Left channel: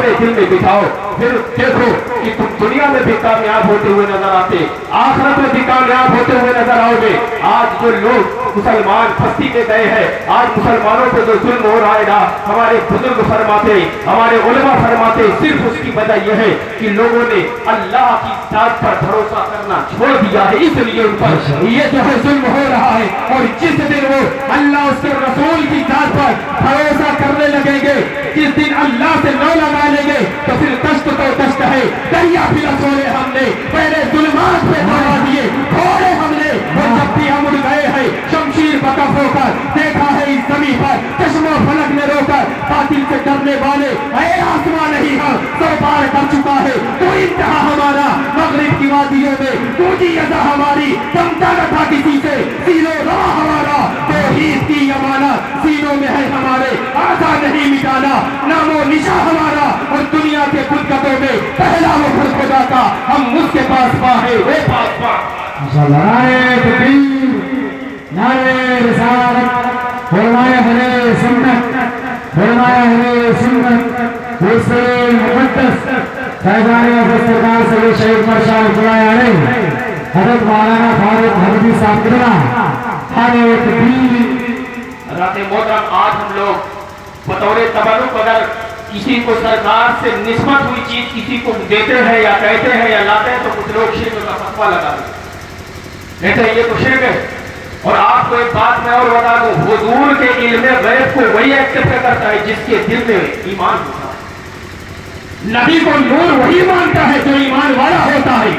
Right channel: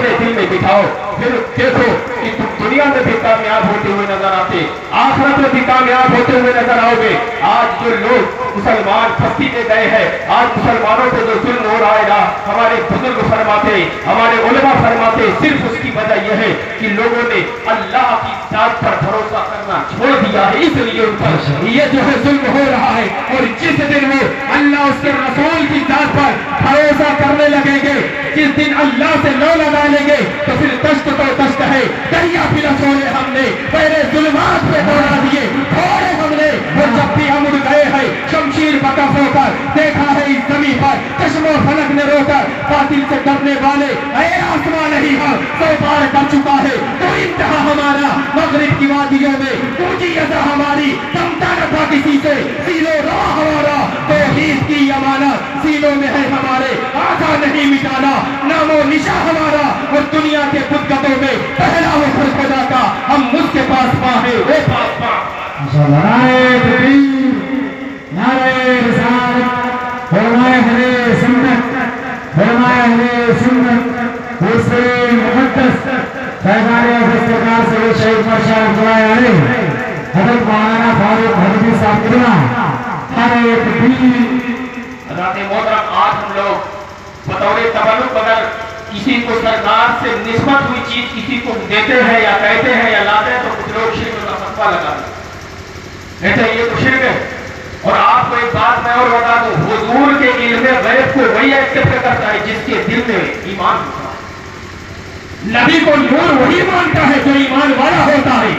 अपने दिल में बिठाओ, फिर देखो कि तुम दुनिया में भी कामयाब होते हुए नजर आते, आखिरत में भी कामयाब होते हुए नजर आओगे। आज जो लोग मुसलमान फंसी में गए हैं, आज मुसलमानों पे जो जुल्म हो रहा है ना, हमारे बुजुर्ग फरमाते, हमारे उलमा फरमाते, सिर्फ उसकी वजह यह है कि लोगों ने अल्लाह की जात पर भरोसा करना छोड़ दिया है, इसलिए उन पर ये जो है जुल्म हो रहा है। और जिस दिन वो अल्लाह उसके रसूल की जात पर भरोसा करने लगेंगे, जिस दिन अल्लाह से न लगा लेंगे, तो फिर दश्त तो दश्त है, दरिया फिरा छोड़े हमने, पहले जुल्मात पे दौड़ा दिए, छोड़े हमने, और जब भी हम उड़ गए हैं शमशीर बकफ होकर, देखा है इस जमीन पर चश्मों फलक ने रोकर, बातिल से डरने वाले ऐ आसमान नहीं हम सौ पार कर चुका है, तो इंतहा हमारा मगरिब की वादियों में टूटी अज़ा हमारी, कमता न था किसी से सीनो रवा हमारा, तौहीद की अमानत सीनों में है हमारे, आजा नहीं मिटाना नामो निशा हमारा, और दुनिया के बुतगतों में पहला हो खुद खुदा का, हम उसके पास पाए वो पास पा। नाराए तकबीर, नाराए रिसालत, फरमाए हरे सुन्नत, फरमाए हरे सुन्नत, हुसैन मुक़द्दस फैज़ान दस्तरखान से शहीद मरशाद बुलाए हज़रत मौलाना फारूक हरबी साहब कितना हरे तकबीर। राते मोहतरम, आज हम लोग बतौर तबरुक अगर किसी को सरकार से निस्बत हुई चीज किसी को देते हैं या कहते हैं या लाते हैं, तो कुछ लोग शिर्क का फतवा लगा देते हैं, ये तो शिर्क है। और आपको एक बात मैं और बता दूं, हुजूर के इल्म गैब को वही एक्सेप्ट करता है जिसके दिल में ईमान होता है। नबी को नूर वही मानता है जो ईमान वाला होता है,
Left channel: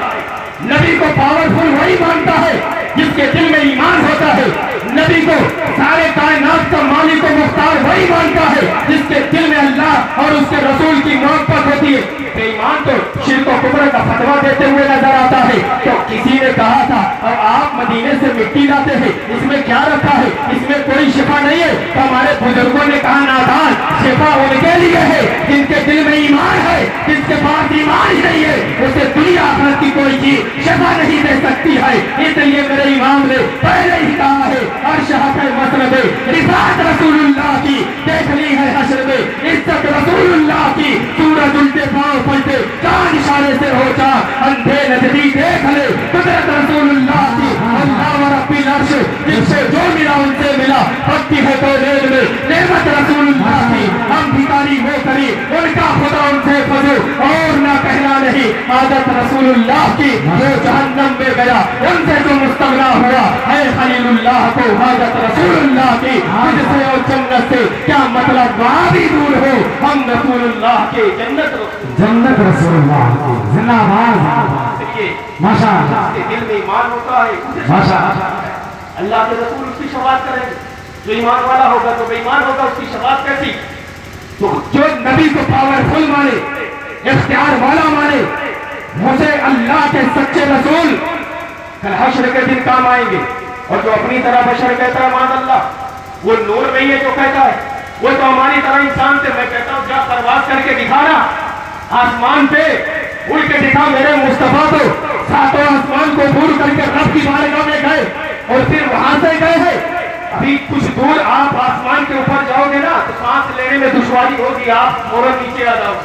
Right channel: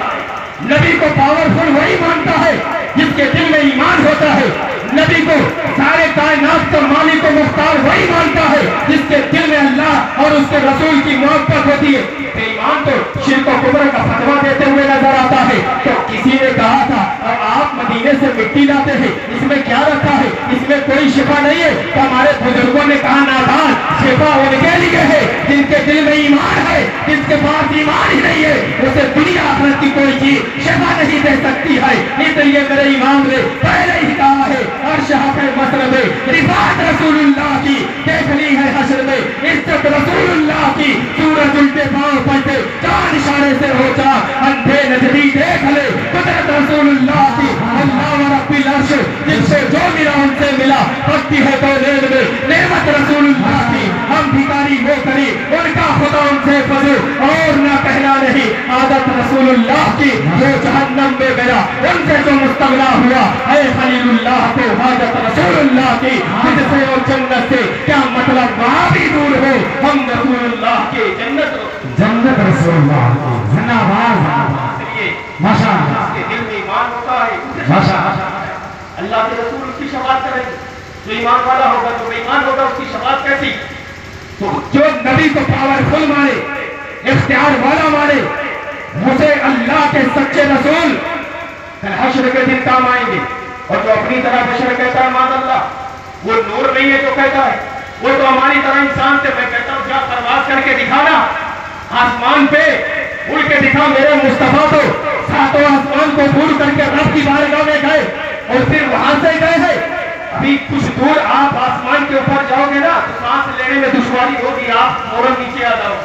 नबी को पावरफुल वही मानता है जिसके दिल में ईमान होता है, नबी को सारे कायनात का मालिक और मुख्तार वही मानता है जिसके दिल में अल्लाह और उसके रसूल की मोहब्बत होती है। ईमान तो शिर्क और कुफ्र का फतवा देते हुए नजर आता है। तो किसी ने कहा था अब आप मदीने से मिट्टी लाते हैं, इसमें क्या रखा है, इसमें कोई शिफा नहीं है। तो हमारे बुजुर्गों ने कहा नादान, शिफा उनके लिए है जिनके दिल में ईमान है, जिसके पास ईमान ही नहीं है उसे दुनिया आखिरत की कोई चीज शिफा नहीं दे सकती है। इसलिए मेरे इमाम ने पहले ही कहा है अर्श हक़ मसरब रिफात रसूलुल्लाह की देख ली है हश्र में, इज्जत रसूलुल्लाह की सूरज उल्टे पांव पलटे चार इशारे से हो जा अंधे नजरी देख ले कुदरत रसूलुल्लाह की। अल्लाह रब्बिल अर्श जिससे जो मिला उनसे मिला, भक्ति है तो रेल में नेमत रसूलुल्लाह की। हम भिखारी वो करी उनका खुदा उनसे फजल और ना कहना नहीं, आदत रसूलुल्लाह की जो जहन्नम में गया उनसे जो मुस्तगना हुआ है खलीलुल्लाह को आदत रसूलुल्लाह की, जिससे और जन्नत से क्या मतलब वहां भी दूर हो, हम रसूलुल्लाह के जन्नत रसूलुल्लाह की जिंदाबाद माशाअल्लाह। उसके दिल में ईमान होता है, माशाअल्लाह अल्लाह के रसूल उसकी शफाअत करेंगे। जो ईमान वाला होगा जो बेईमान होगा उसकी शफाअत कैसी। तो जो नबी को पावरफुल माने, इख्तियार वाला माने, मुझे अल्लाह के सच्चे रसूल कल हश्र के दिन काम आएंगे। और जो अपनी तरह बशर कहता है मान अल्लाह, वो नूर नहीं है जो कहता है, वो तो हमारी तरह इंसान से। मैं कहता हूँ क्या परवाज करके दिखाना, आसमान पे उड़ के दिखा मेरे मुस्तफा को। सातों आसमान को दूर करके रब की बारगाह में गए और फिर वहां से गए हैं। अभी कुछ दूर आप आसमान के ऊपर जाओगे ना तो सांस लेने में दुश्वारी होगी, आप फौरन नीचे आ जाओ।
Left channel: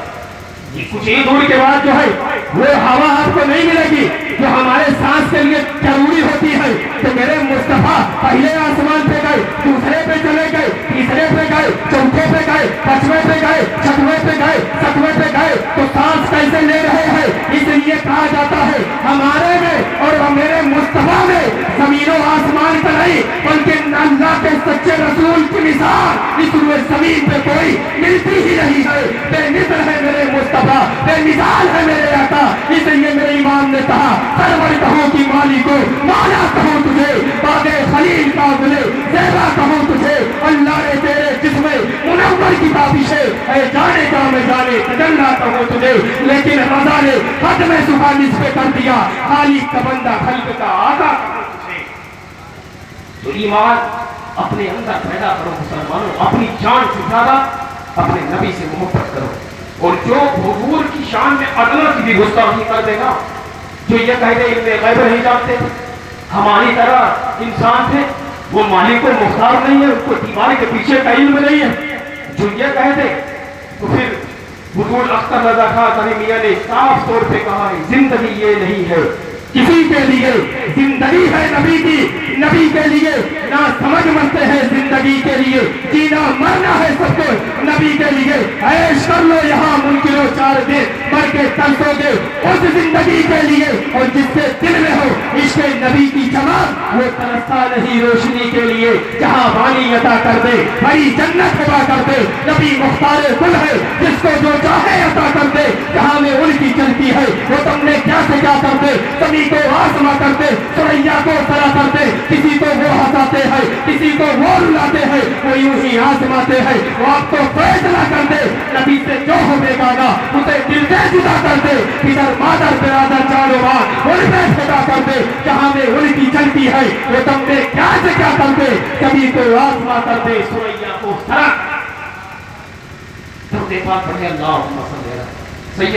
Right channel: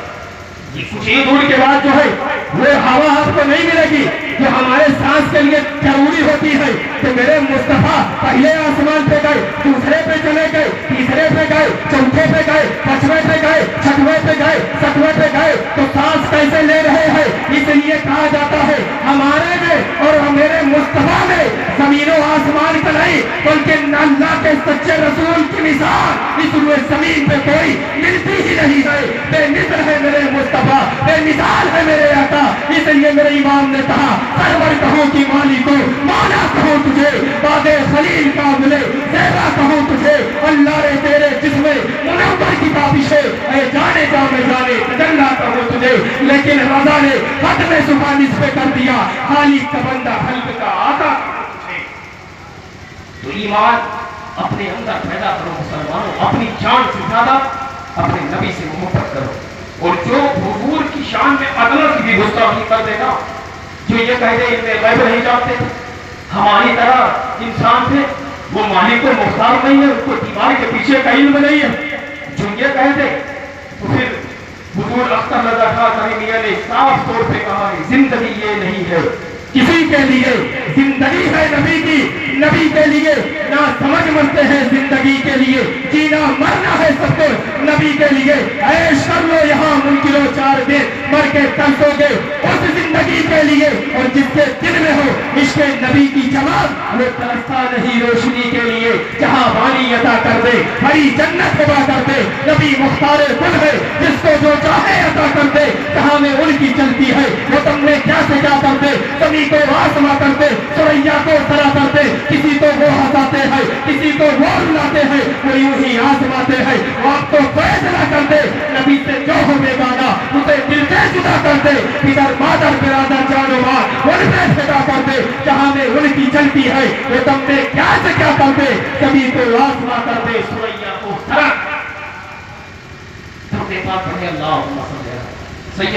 कुछ ही दूर के बाद जो है वो हवा आपको नहीं मिलेगी जो हमारे सांस के लिए जरूरी होती है। तो मेरे मुस्तफा पहले आसमान पे गए, दूसरे पे चले गए, तीसरे पे गए, चौथे पे गए, पांचवें पे गए, छठवें पे गए, सातवें पे गए। तो सांस कैसे ले रहे हैं, इसलिए कहा जाता है हमारे में और मेरे मुस्तफा में जमीनों आसमान का नहीं बल्कि अल्लाह के सच्चे रसूल की मिसाल इस जमीन पे कोई मिलती ही नहीं है। बेमिसाल है मेरे मुस्तफा, बेमिसाल है मेरे आका। इसलिए मेरे इमाम ने कहा सरवर कहो कि माली को मौला कहो तुझे, बागे खलील का मिले सेवा कहो तुझे। अल्लाह ने तेरे जिसमें मुनव्वर की ताबिश है, ऐ जाने जा में जाने तजल्ला कहो तुझे। लेकिन रज़ा ने खत में सुखानिस पे कर दिया खालिक का बंदा खल्क का आका। तो ईमान अपने अंदर पैदा करो मुसलमानों, अपनी जान से ज्यादा अपने नबी से मोहब्बत करो। और जो हुजूर की शान में अदला की भी गुस्ताखी कर देना, जो ये कह दे इनमें गैब नहीं जानते थे, हमारी तरह इंसान थे, वो मालिक को मुख्तार नहीं है, उसको दीवार के पीछे का इल्म नहीं है, जो ये कह दे तो फिर हुजूर اختر رضا خان کری میاں نے صاف طور پہ کہا ہے زندگی یہ نہیں ہے کسی کے لیے، زندگی ہے نبی کی، نبی کے لیے نہ سمجھ مرتے ہیں زندگی کے لیے، جینا مرنا ہے سب کو نبی کے لیے، عیش کر لو یہاں ممکن ہو 4 دن مر کے ترسو گے اس زندگی کے لیے، اور جس کے دل میں ہو عشق نبی کی چمک وہ ترستا نہیں روشنی کے لیے، جہاں بانی عطا کر دے بھائی جنت عطا کر دے، نبی مختار گل ہے جس کو جو چاہے عطا کر دے، جہاں میں ان کی چلتی ہے وہ تم نے کیا سے کیا کر دے، کبھی کو واسما کرتے سریا کو سرا کرتے، کسی کو وہ ہنساتے ہیں کسی کو وہ رلاتے ہیں، وہ یوں ہی آزماتے ہیں، وہ آپ کو فیصلہ کر دے نبی سے جو ہو بیگانہ اسے دل سے جدا کر دے، ادھر مادر برادر جانو ماں ان میں پھیلا کر دے، جہاں میں ان کی چلتی ہے وہ تم نے کیا سے کیا کر دے، کبھی کو آزما کر دے سریا کو سرا۔ پڑھے اللہ سید